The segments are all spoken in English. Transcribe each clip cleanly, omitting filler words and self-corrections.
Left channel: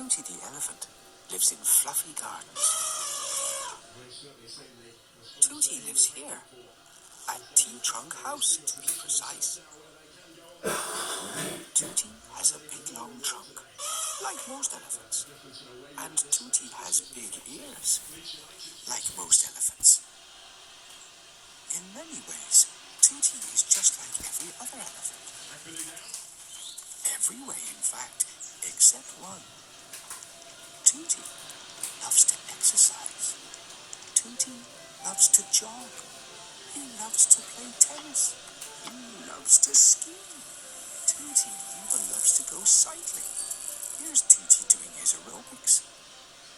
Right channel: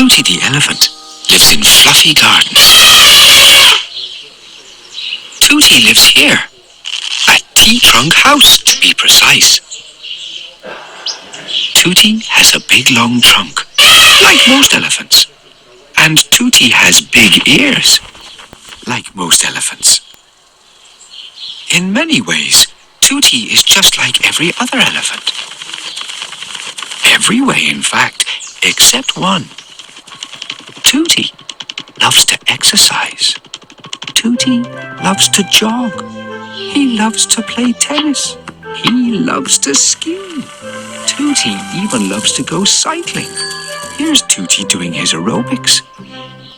Tooty the elephant lives in fluffy gardens. Tooty lives here, a T-trunk house to be precise. Tooty has a big long trunk, like most elephants. And Tooty has big ears, like most elephants. In many ways, Tooty is just like every other elephant. Every way, in fact, except one. Tooty loves to exercise. Tooty loves to jog. He loves to play tennis. He loves to ski. Tooty even loves to go cycling. Here's Tooty doing his aerobics.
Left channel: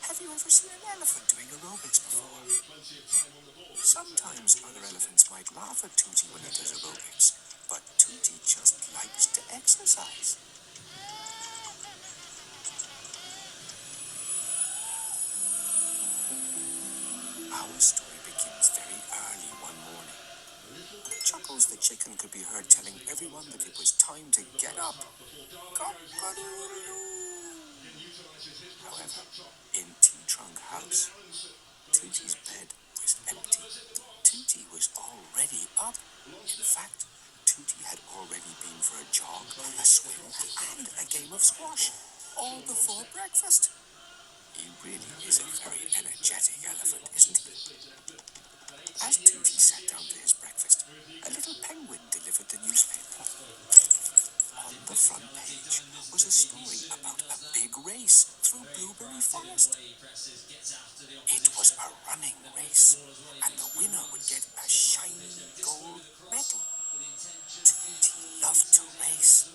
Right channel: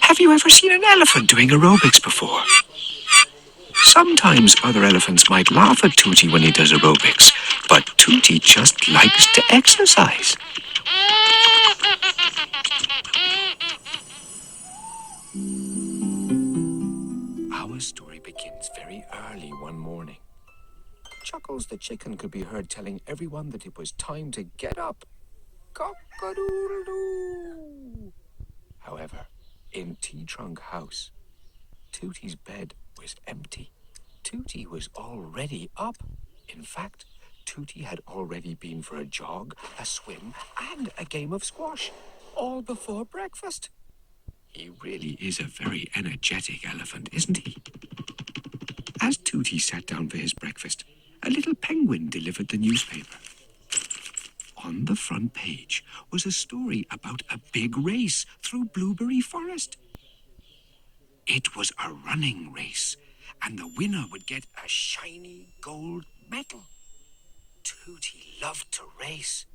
Have you ever seen an elephant doing aerobics before? Sometimes other elephants might laugh at Tooty when he does aerobics, but Tooty just likes to exercise. Our story begins very early one morning. Chuckles the chicken could be heard telling everyone that it was time to get up. Cock-a-doodle-doo. However, in T-trunk house, Tooty's bed was empty. Tooty was already up. In fact, Tooty had already been for a jog, a swim, and a game of squash, all before breakfast. He really is a very energetic elephant, isn't he? As Tooty sat down for his breakfast, a little penguin delivered the newspaper. On the front page was a story about a big race through Blueberry Forest. It was a running race, and the winner would get a shiny gold medal. Tooty loved to race,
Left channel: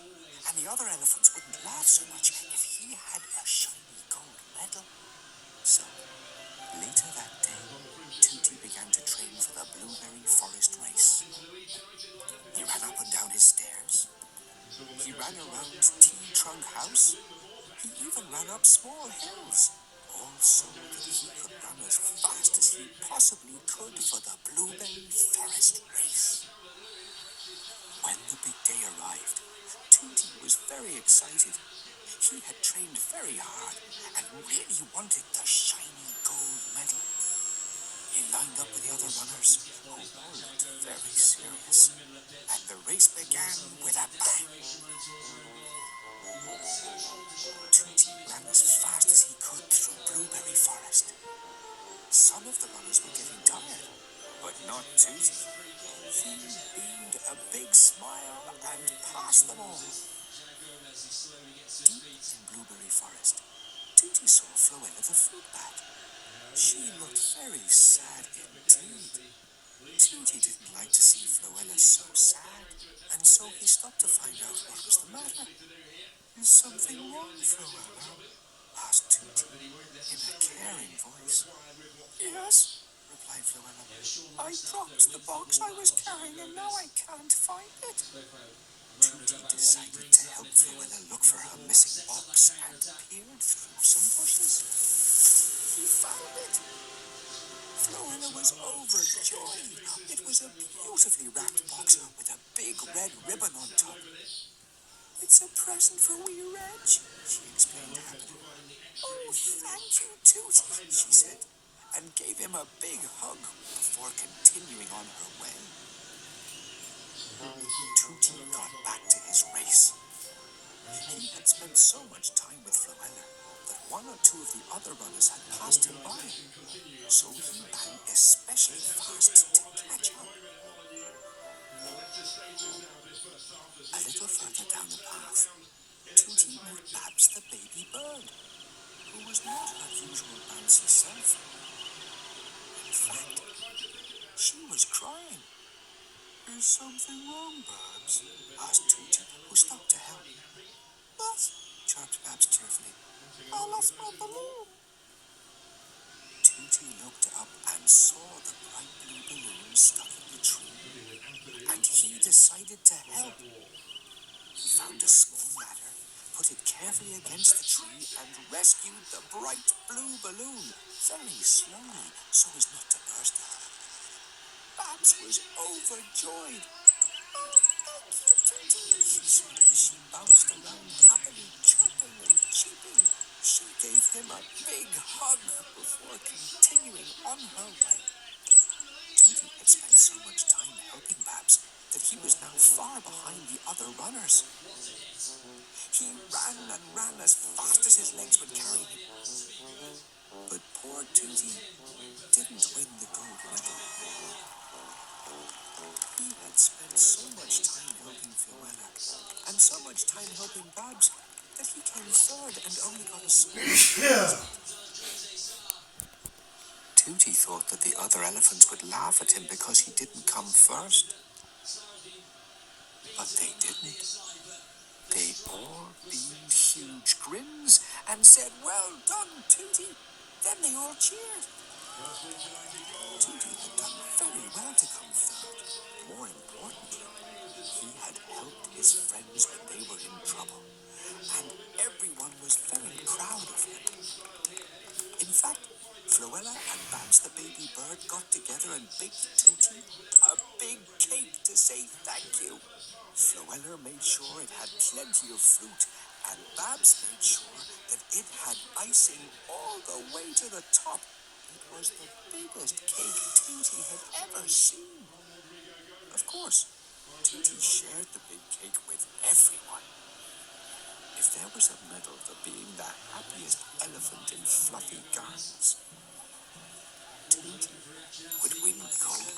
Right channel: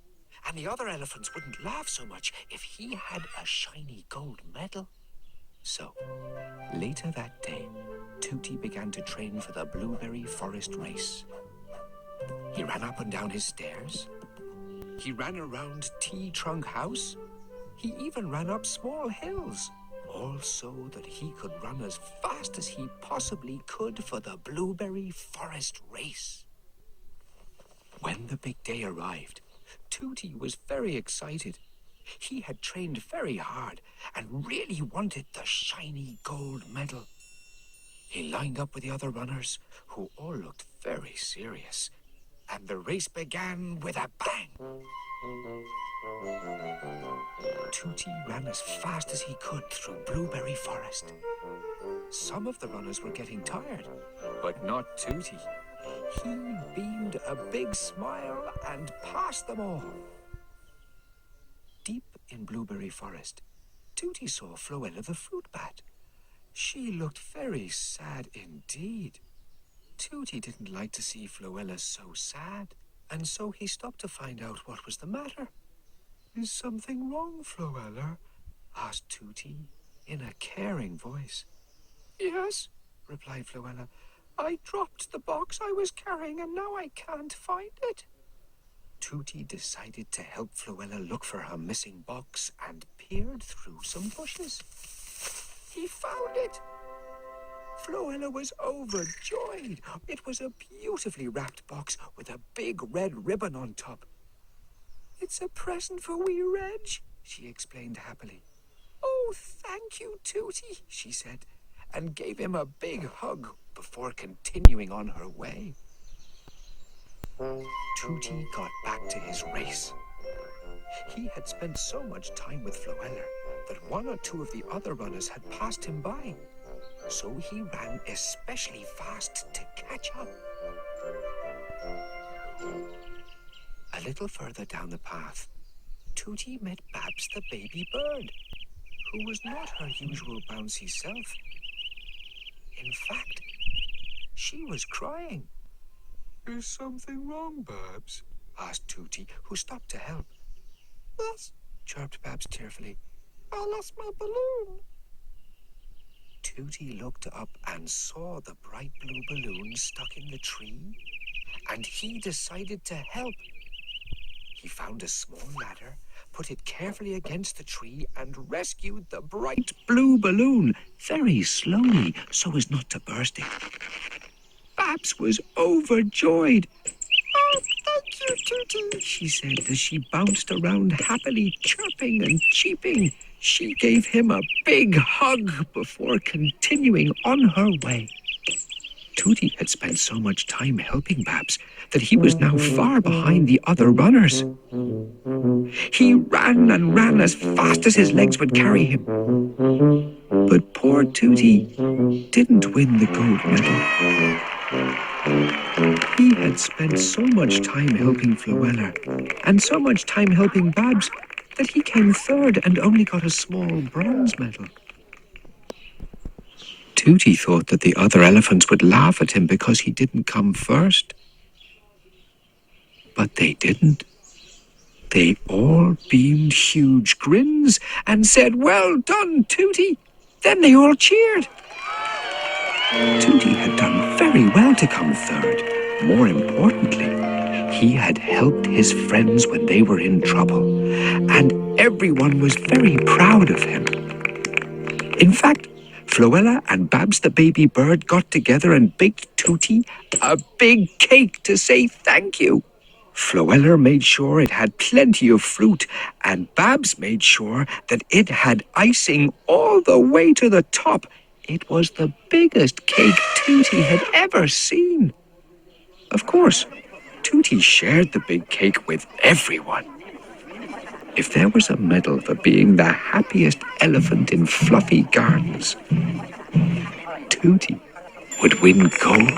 and the other elephants wouldn't laugh so much if he had a shiny gold medal. So, later that day, Tooty began to train for the Blueberry Forest race. He ran up and down his stairs. He ran around T-trunk house. He even ran up small hills, all so that he could run as fast as he possibly could for the Blueberry Forest race. When the big day arrived, Tooty was very excited. He had trained very hard and really wanted the shiny gold medal. He lined up with the other runners, who all looked very serious, and the race began with a bang. Tooty ran as fast as he could through Blueberry Forest. Some of the runners were getting tired, but not Tooty. He beamed a big smile and passed them all. Deep in Blueberry Forest, Tooty saw Floella the fruit bat. She looked very sad indeed. Tooty didn't like to see Floella so sad, and so he stopped to find out what was the matter. "Is something wrong, Floella?" asked Tooty in a caring voice. "Yes," replied Floella. "I dropped the box I was carrying and now I can't find it." Tooty decided to help Floella look for her missing box and peered through some bushes. He found it. Floella was overjoyed. It was a beautifully wrapped box with a big red ribbon on top. "It's a present for wee Reg," she explained happily. "Oh, thank you, Tooty," she said, and gave him a big hug before continuing on her way. Tooty got back to his race. He had spent so much time with Floella that one or two of the other runners had passed him by, so he ran especially fast to catch up. A little further down the path, Tooty met Babs the baby bird, who was not her usual bouncy self. In fact, she was crying. "Is something wrong, Babs?" asked Tooty, who stopped to help. "Yes," chirped Babs tearfully. "I lost my balloon." Tooty looked up and saw the bright blue balloon stuck in the tree, and he decided to help. He found a small ladder, put it carefully against the tree, and rescued the bright blue balloon very slowly so as not to burst it. Babs was overjoyed. "Oh, thank you, Tooty," she said as she bounced around happily, chirping and cheeping. She gave him a big hug before continuing on her way. Tooty had spent so much time helping Babs that he was now far behind the other runners. He ran and ran as fast as his legs would carry him. But poor Tooty didn't win the gold medal. He had spent so much time helping Floella and so much time helping Babs that he came third and only got a small bronze medal. Tooty thought that the other elephants would laugh at him because he didn't come first. But they didn't. They all beamed huge grins and said, "Well done, Tooty." Then they all cheered. Tooty had done very well to come third. More importantly, he had helped his friends when they were in trouble, and everyone was very proud of him. In fact, Floella and Babs the baby bird got together and baked Tooty a big cake to say thank you. Floella made sure it had plenty of fruit, and Babs made sure that it had icing all the way to the top. It was the biggest cake Tooty had ever seen. Of course, Tooty shared the big cake with everyone. If there was a medal for being the happiest elephant in Fluffy Gardens, Tooty would win gold.